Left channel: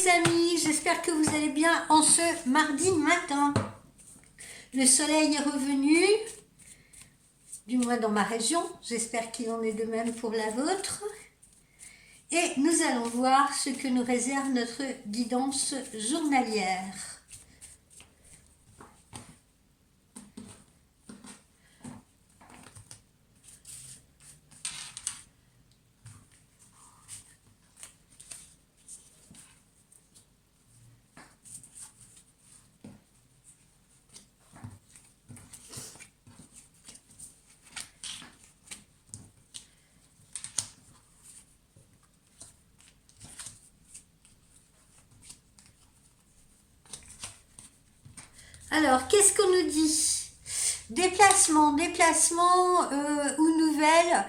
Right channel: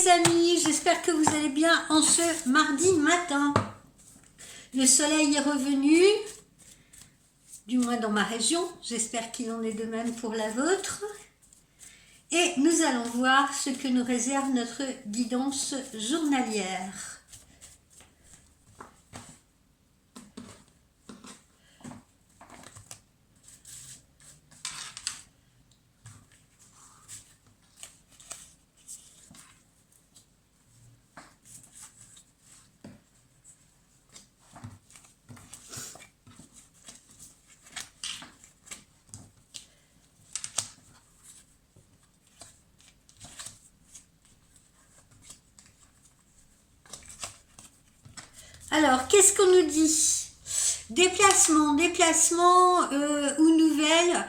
les amis, j'espère que vous allez bien en ce mardi matin. Le soleil est revenu, du moins dans ma région, j'espère qu'il en est de même pour la vôtre. Et nous allons voir ce que nous réserve notre guidance journalière. Alors, qu'est-ce qu'on nous dit? Déplacement ou nouvelles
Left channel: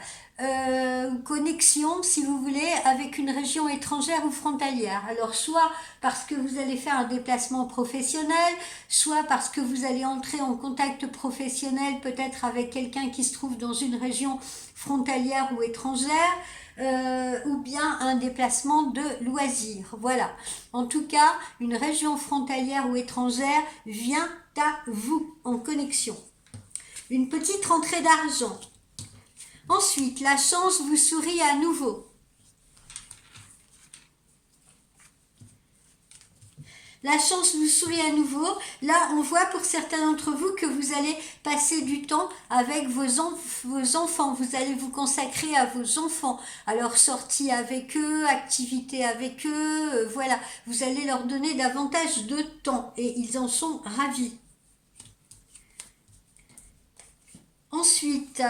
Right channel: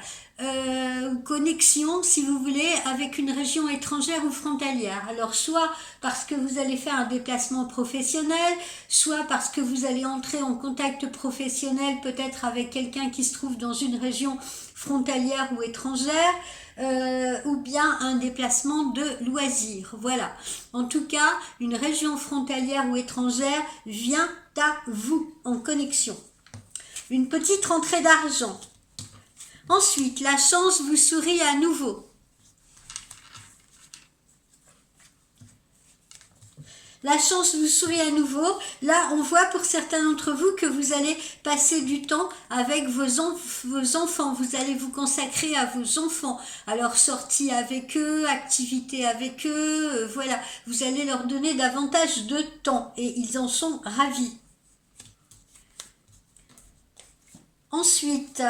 ou connexion, si vous voulez, avec une région étrangère ou frontalière. Alors, soit parce que vous allez faire un déplacement professionnel, soit parce que vous allez entrer en contact professionnel peut-être avec quelqu'un qui se trouve dans une région frontalière ou étrangère, ou bien un déplacement de loisirs. Voilà. En tout cas, une région frontalière ou étrangère vient à vous en connexion. Une petite rentrée d'argent. Ensuite, la chance vous sourit à nouveau. La chance vous sourit à nouveau. Là, on voit pour certains d'entre vous que vous allez passer du temps avec vos enfants. Vous allez vous consacrer à vos enfants. Alors, sortie avec eux, activité avec eux, voilà. Vous allez leur donner davantage de temps et ils en sont ravis. Ensuite,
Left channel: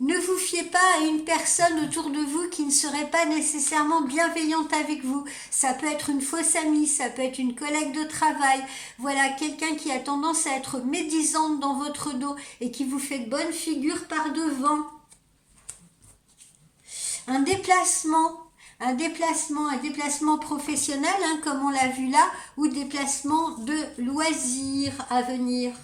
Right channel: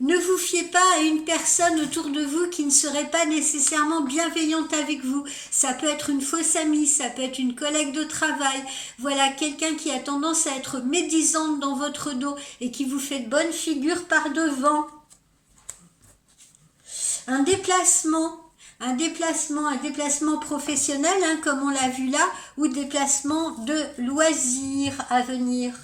ne vous fiez pas à une personne autour de vous qui ne serait pas nécessairement bienveillante avec vous. Ça peut être une fausse amie, ça peut être une collègue de travail. Voilà, quelqu'un qui a tendance à être médisante dans votre dos et qui vous fait de bonne figure par devant. Un déplacement professionnel, comme on l'a vu là, ou déplacement de loisirs à venir.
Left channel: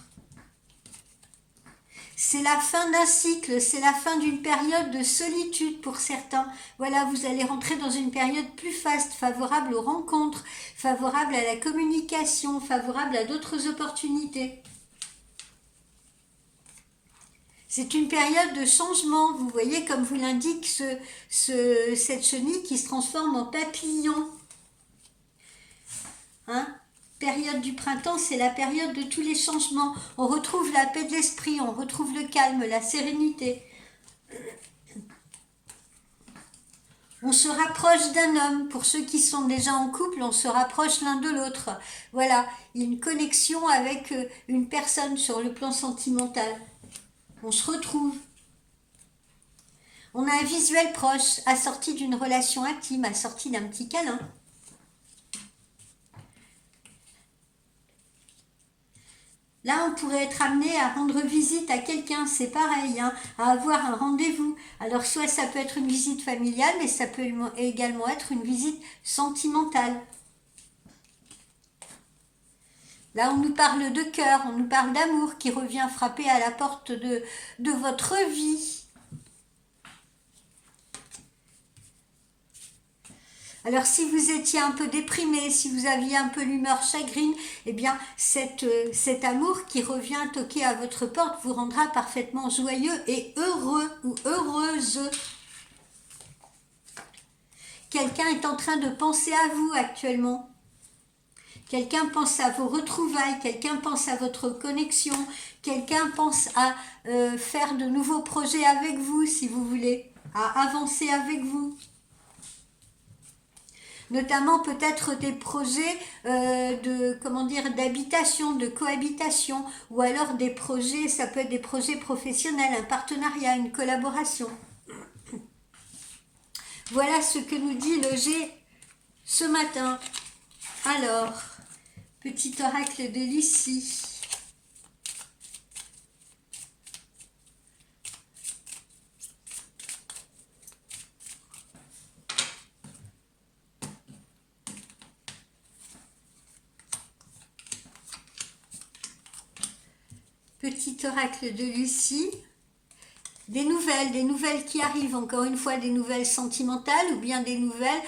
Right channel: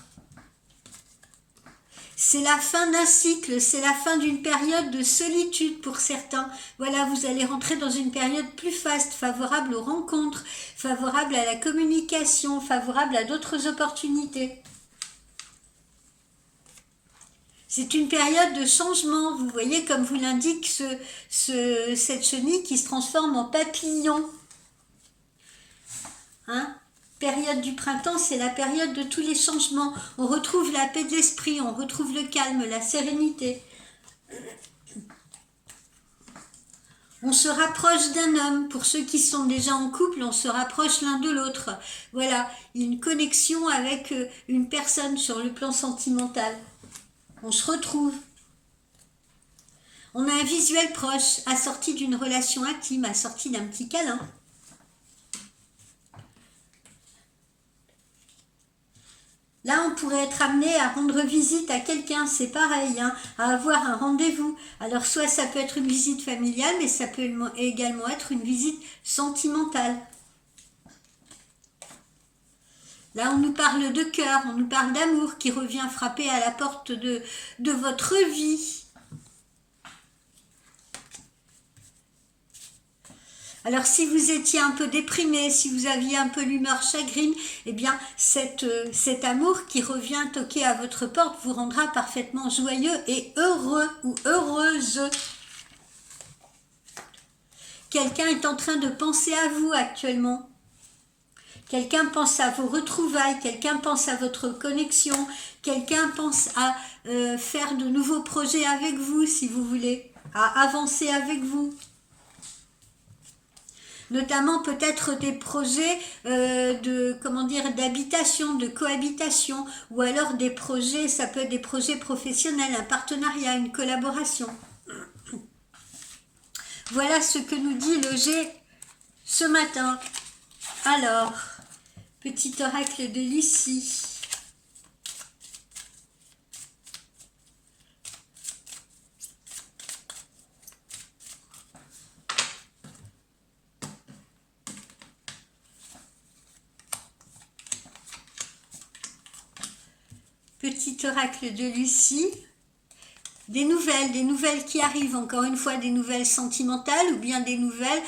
C'est la fin d'un cycle, c'est la fin d'une période de solitude pour certains. Voilà, vous allez rentrer dans une période plus faste, favorable aux rencontres, favorable à la communication, favorable à d'autres opportunités. C'est une période de changement, vous voyez, comme vous l'indique cette chenille qui se transforme en papillon. Période du printemps, c'est la période de tous les changements. On retrouve la paix de l'esprit, on retrouve le calme, la sérénité. On se rapproche d'un homme. Pour ceux qui sont déjà en couple, on se rapproche l'un de l'autre. Voilà, il y a une connexion avec une personne sur le plan sentimental. On se retrouve. On a un visuel proche, assorti d'une relation intime, assorti d'un petit câlin. Là, on pourrait être amené à rendre visite à quelqu'un, c'est pareil, à avoir un rendez-vous. Alors, soit ça peut être une visite familiale, mais ça peut également être une visite sentimentale. Là, on nous parle de cœur, on nous parle d'amour qui revient frapper à la porte de votre vie. Alors, si vous étiez un peu déprimé, si vous aviez un peu l'humeur chagrine, eh bien, cet amour qui revient toquer à votre porte vous rendra parfaitement joyeux et heureux ou heureuse. Quelqu'un est en train de penser à vous actuellement. Quelqu'un pense à vos retrouvailles, quelqu'un pense à votre connexion, quelqu'un pense à faire de nouveaux projets avec vous, si vous voulez, à avancer avec vous. Notamment peut-être des projets d'habitation, de cohabitation, ou alors des projets, ça peut être des projets professionnels, un partenariat, une collaboration. Voilà ce que nous dit le G ce matin. Alors, petit oracle de Lucie. Petit oracle de Lucie. des nouvelles qui arrivent, encore une fois, des nouvelles sentimentales ou bien des nouvelles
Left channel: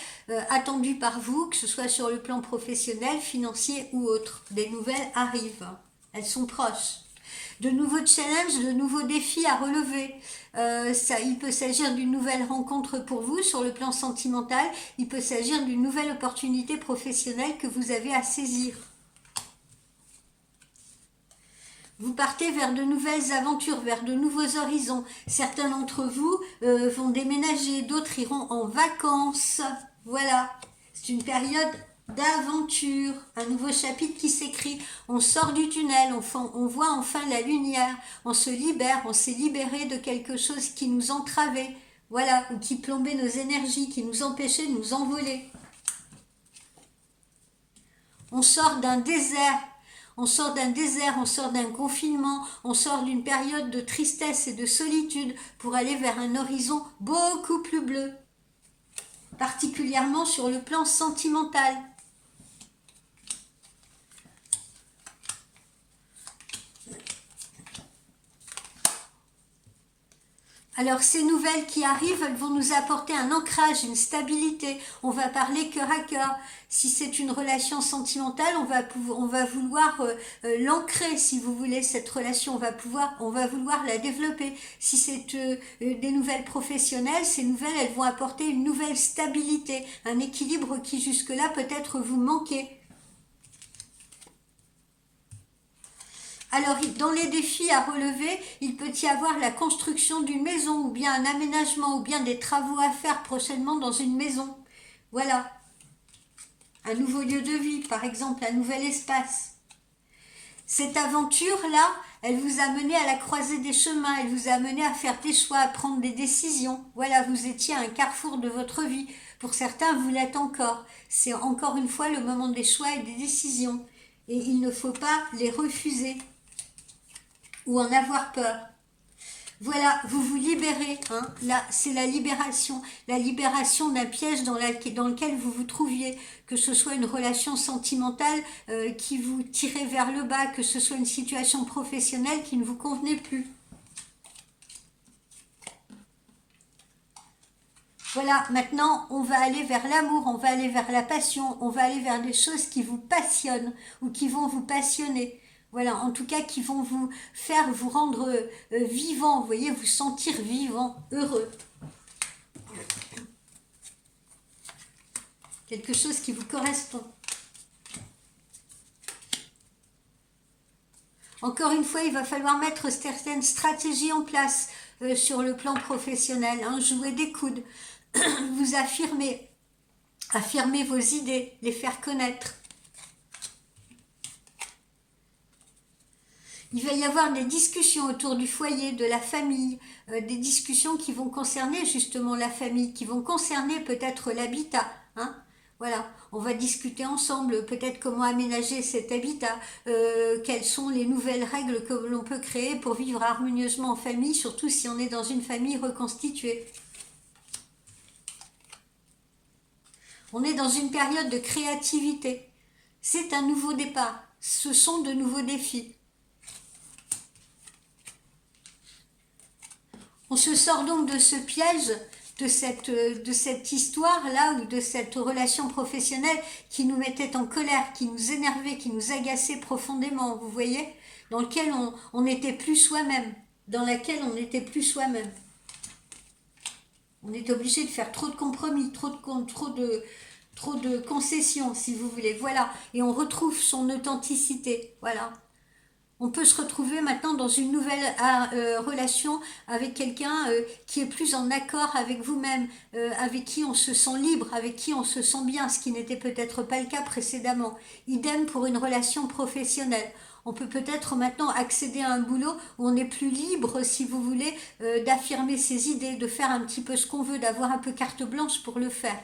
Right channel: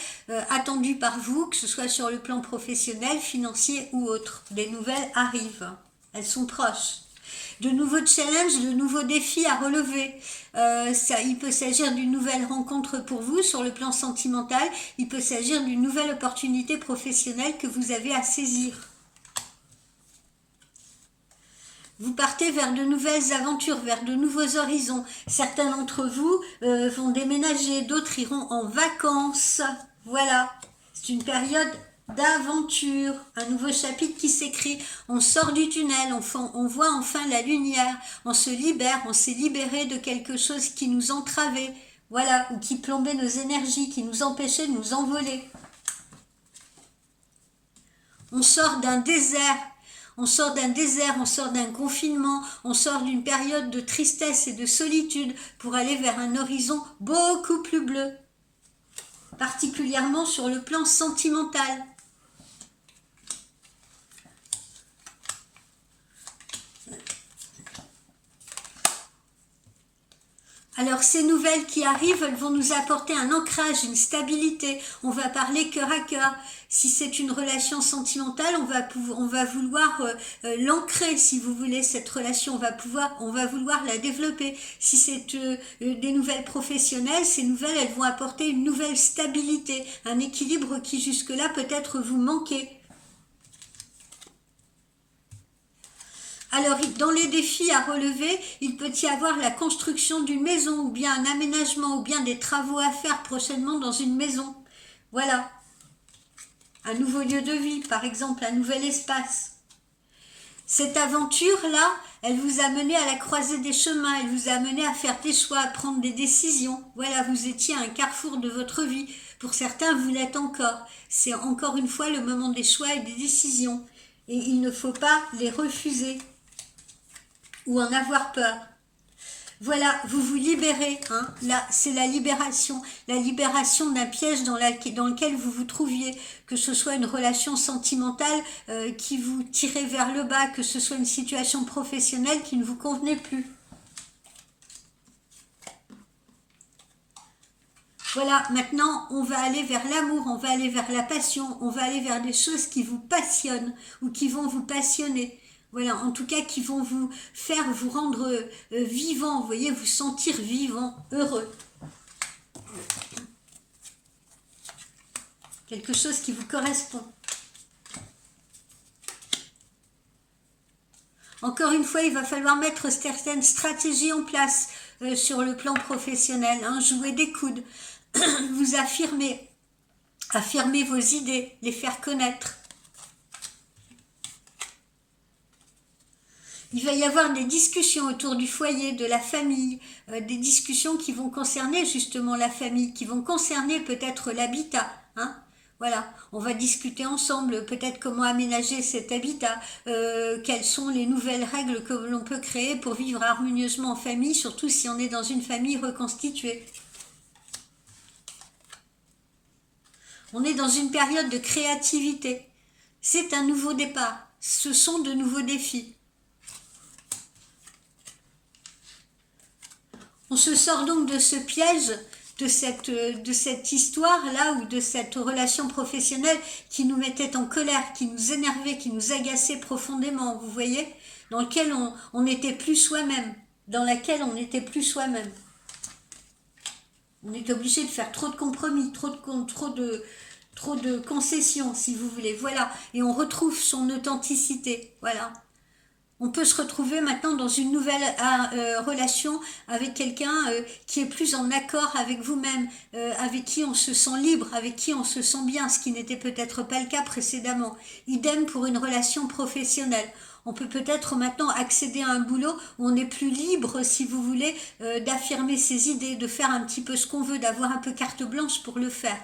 attendues par vous, que ce soit sur le plan professionnel, financier ou autre. Des nouvelles arrivent, elles sont proches. De nouveaux challenges, de nouveaux défis à relever. Il peut s'agir d'une nouvelle rencontre pour vous sur le plan sentimental, il peut s'agir d'une nouvelle opportunité professionnelle que vous avez à saisir. Vous partez vers de nouvelles aventures, vers de nouveaux horizons. Certains d'entre vous vont déménager, d'autres iront en vacances. Voilà, c'est une période d'aventure, un nouveau chapitre qui s'écrit. On sort du tunnel, on voit enfin la lumière, on se libère, on s'est libéré de quelque chose qui nous entravait, voilà, ou qui plombait nos énergies, qui nous empêchait de nous envoler. On sort d'un désert. On sort d'un désert, on sort d'un confinement, on sort d'une période de tristesse et de solitude pour aller vers un horizon beaucoup plus bleu, particulièrement sur le plan sentimental. Alors ces nouvelles qui arrivent, elles vont nous apporter un ancrage, une stabilité. On va parler cœur à cœur. Si c'est une relation sentimentale, on va vouloir l'ancrer, si vous voulez, cette relation. On va vouloir la développer. Si c'est des nouvelles professionnelles, ces nouvelles, elles vont apporter une nouvelle stabilité, un équilibre qui jusque-là peut-être vous manquait. Alors, dans les défis à relever, il peut y avoir la construction d'une maison, ou bien un aménagement, ou bien des travaux à faire prochainement dans une maison. Voilà. Un nouveau lieu de vie, par exemple, un nouvel espace. Cette aventure-là, elle vous a mené à la croisée des chemins, elle vous a mené à faire des choix, à prendre des décisions. Voilà, vous étiez à un carrefour de votre vie. Pour certains, vous l'êtes encore. C'est encore une fois le moment des choix et des décisions. Et il ne faut pas les refuser ou en avoir peur. Voilà, vous vous libérez, hein. Là, c'est la libération d'un piège dans lequel vous vous trouviez, que ce soit une relation sentimentale qui vous tirait vers le bas, que ce soit une situation professionnelle qui ne vous convenait plus. Voilà, maintenant, on va aller vers l'amour, on va aller vers la passion, on va aller vers des choses qui vous passionnent ou qui vont vous passionner. Voilà, en tout cas, qui vont vous faire vous rendre vivant, vous voyez, vous sentir vivant, heureux. Quelque chose qui vous correspond. Encore une fois, il va falloir mettre certaines stratégies en place sur le plan professionnel, hein, jouer des coudes, vous affirmer vos idées, les faire connaître. Il va y avoir des discussions autour du foyer, de la famille, des discussions qui vont concerner justement la famille, qui vont concerner peut-être l'habitat, hein. Voilà, on va discuter ensemble peut-être comment aménager cet habitat, quelles sont les nouvelles règles que l'on peut créer pour vivre harmonieusement en famille, surtout si on est dans une famille reconstituée. On est dans une période de créativité. C'est un nouveau départ. Ce sont de nouveaux défis. On se sort donc de ce piège, de cette histoire-là ou de cette relation professionnelle qui nous mettait en colère, qui nous énervait, qui nous agaçait profondément, vous voyez, dans lequel on n'était plus soi-même, dans laquelle on n'était plus soi-même. On est obligé de faire trop de compromis, trop de concessions, si vous voulez. Voilà, et on retrouve son authenticité, voilà. On peut se retrouver maintenant dans une nouvelle relation avec quelqu'un qui est plus en accord avec vous-même, avec qui on se sent libre, avec qui on se sent bien, ce qui n'était peut-être pas le cas précédemment. Idem pour une relation professionnelle. On peut peut-être maintenant accéder à un boulot où on est plus libre, si vous voulez, d'affirmer ses idées, de faire un petit peu ce qu'on veut, d'avoir un peu carte blanche pour le faire.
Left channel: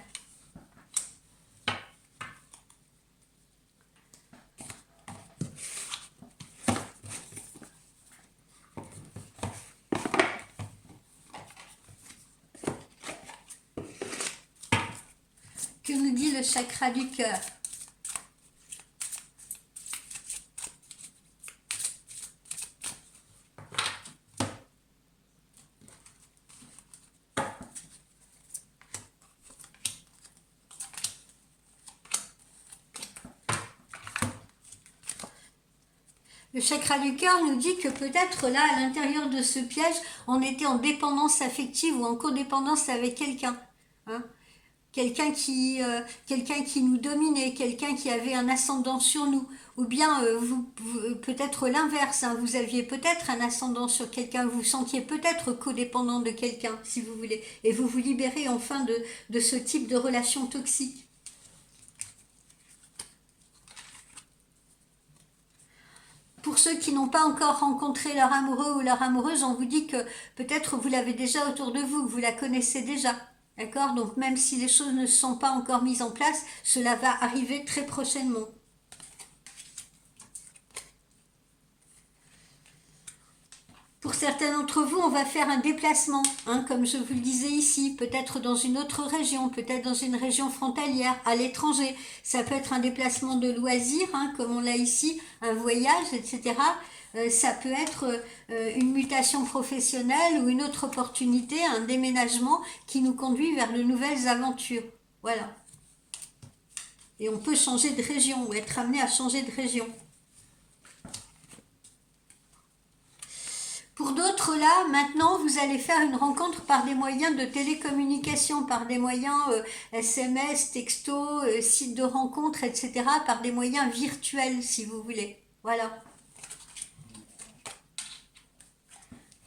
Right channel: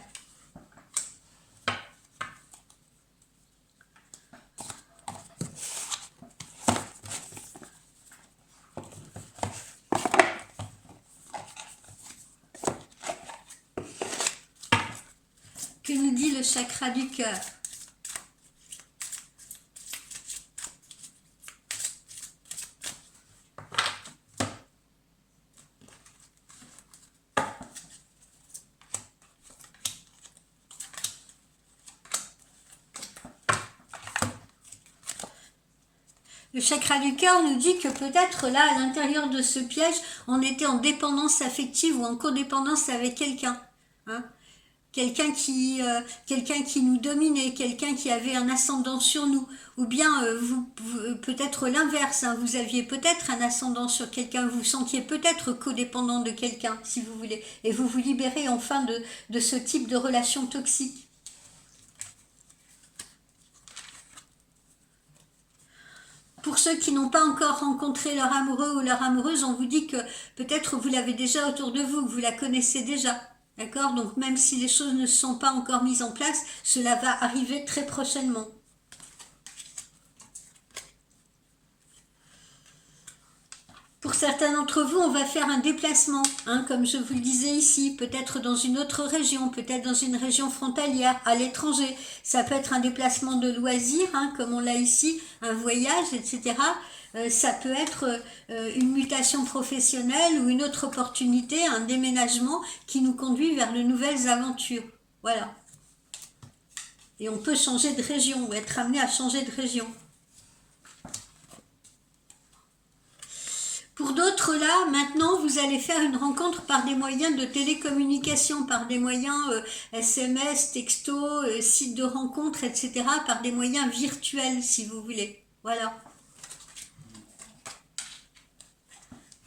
Que nous dit le chakra du cœur? Le chakra du cœur nous dit que peut-être là, à l'intérieur de ce piège, on était en dépendance affective ou en codépendance avec quelqu'un. Hein, quelqu'un qui nous dominait, quelqu'un qui avait un ascendant sur nous, ou bien peut-être l'inverse, hein, vous aviez peut-être un ascendant sur quelqu'un, vous vous sentiez peut-être codépendant de quelqu'un, si vous voulez, et vous vous libérez enfin de ce type de relation toxique. Pour ceux qui n'ont pas encore rencontré leur amoureux ou leur amoureuse, on vous dit que peut-être vous l'avez déjà autour de vous, vous la connaissez déjà. D'accord? Donc même si les choses ne sont pas encore mises en place, cela va arriver très prochainement. Pour certains d'entre vous, on va faire un déplacement, hein, comme je vous le disais ici, peut-être dans une autre région, peut-être dans une région frontalière, à l'étranger. Ça peut être un déplacement de loisirs, hein, comme on l'a ici, un voyage, etc. Ça peut être une mutation professionnelle ou une autre opportunité, un déménagement qui nous conduit vers de nouvelles aventures. Voilà. Et on peut changer de région ou être amené à changer de région. Pour d'autres, là, maintenant, vous allez faire une rencontre par des moyens de télécommunication, par des moyens SMS, texto, sites de rencontre, etc., par des moyens virtuels, si vous voulez. Voilà.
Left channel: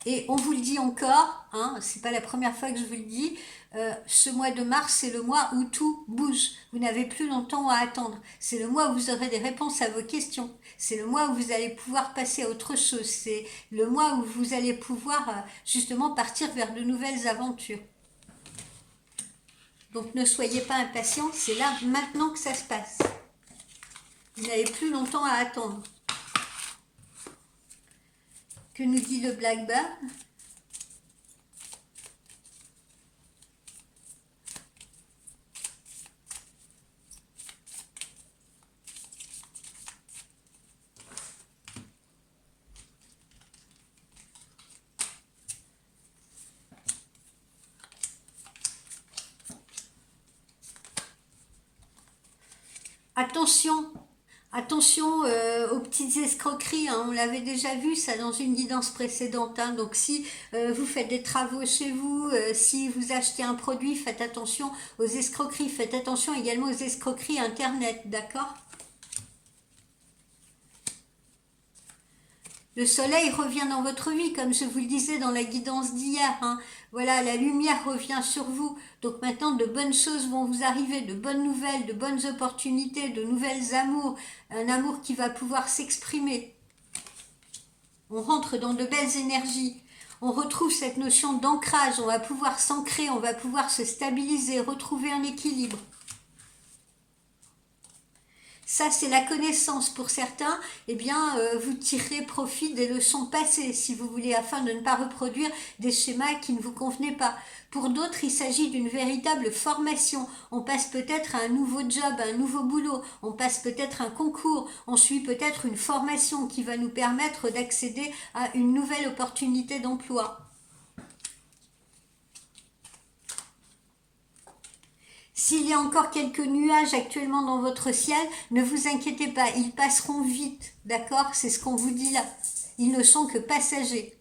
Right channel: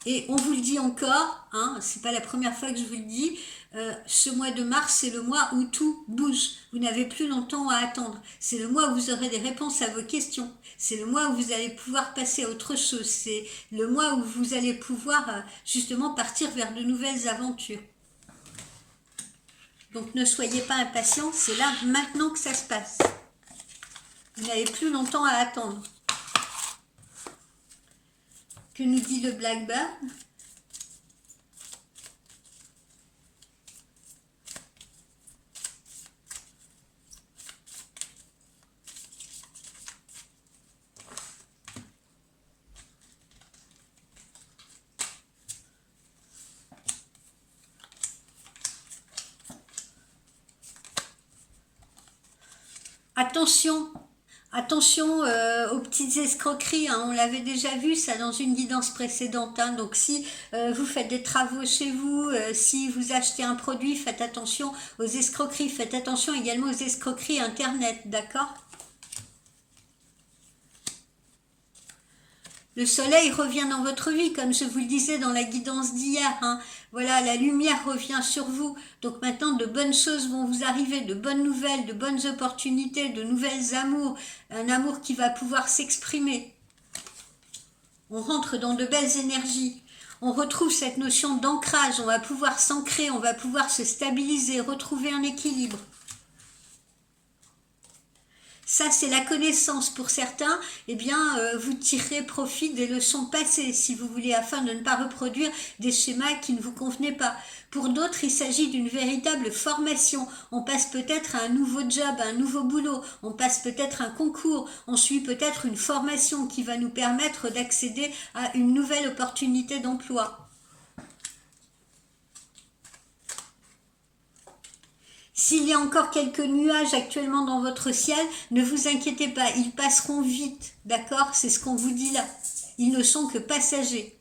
Et on vous le dit encore, hein, c'est pas la première fois que je vous le dis, ce mois de mars, c'est le mois où tout bouge. Vous n'avez plus longtemps à attendre. C'est le mois où vous aurez des réponses à vos questions. C'est le mois où vous allez pouvoir passer à autre chose. C'est le mois où vous allez pouvoir justement partir vers de nouvelles aventures. Donc ne soyez pas impatients, c'est là maintenant que ça se passe. Vous n'avez plus longtemps à attendre. Que nous dit le Blackbird ? Attention, attention aux petites escroqueries, hein, on l'avait déjà vu ça dans une guidance précédente, hein, donc si vous faites des travaux chez vous, si vous achetez un produit, faites attention aux escroqueries, faites attention également aux escroqueries internet, d'accord ? Le soleil revient dans votre vie, comme je vous le disais dans la guidance d'hier. Hein. Voilà, la lumière revient sur vous. Donc maintenant, de bonnes choses vont vous arriver, de bonnes nouvelles, de bonnes opportunités, de nouvelles amours. Un amour qui va pouvoir s'exprimer. On rentre dans de belles énergies. On retrouve cette notion d'ancrage. On va pouvoir s'ancrer, on va pouvoir se stabiliser, retrouver un équilibre. Ça, c'est la connaissance. Pour certains, eh bien, vous tirerez profit des leçons passées, si vous voulez, afin de ne pas reproduire des schémas qui ne vous convenaient pas. Pour d'autres, il s'agit d'une véritable formation. On passe peut-être à un nouveau job, à un nouveau boulot. On passe peut-être un concours. On suit peut-être une formation qui va nous permettre d'accéder à une nouvelle opportunité d'emploi. S'il y a encore quelques nuages actuellement dans votre ciel, ne vous inquiétez pas, ils passeront vite, d'accord? C'est ce qu'on vous dit là. Ils ne sont que passagers.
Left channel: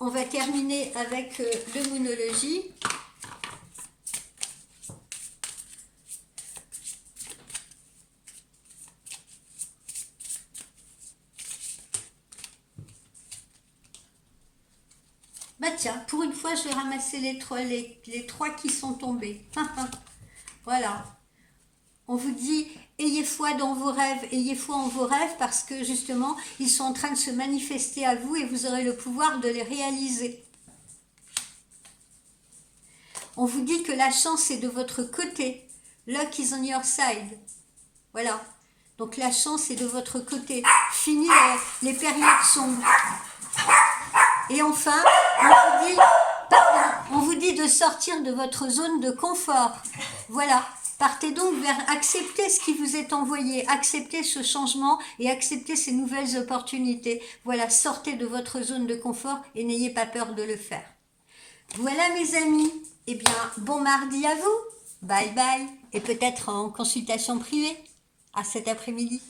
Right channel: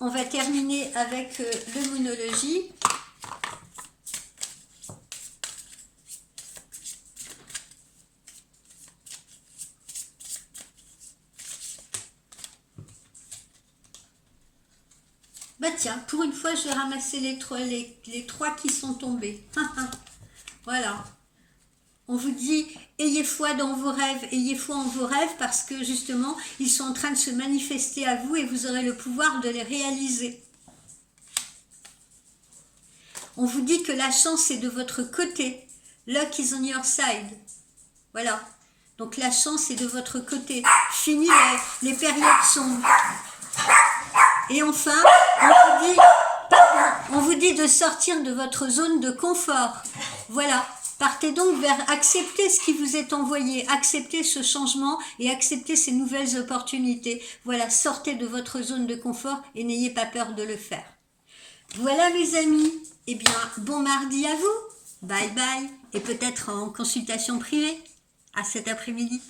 On va terminer avec l'œmonologie. Bah tiens, pour une fois, je vais ramasser les trois qui sont tombés. Voilà. On vous dit, ayez foi dans vos rêves, ayez foi en vos rêves parce que justement, ils sont en train de se manifester à vous et vous aurez le pouvoir de les réaliser. On vous dit que la chance est de votre côté. Luck is on your side. Voilà. Donc la chance est de votre côté. Fini les périodes sombres. Et enfin, on vous dit de sortir de votre zone de confort. Voilà. Partez donc vers accepter ce qui vous est envoyé, accepter ce changement et accepter ces nouvelles opportunités. Voilà, sortez de votre zone de confort et n'ayez pas peur de le faire. Voilà mes amis, eh bien bon mardi à vous, bye bye, et peut-être en consultation privée. À cet après-midi.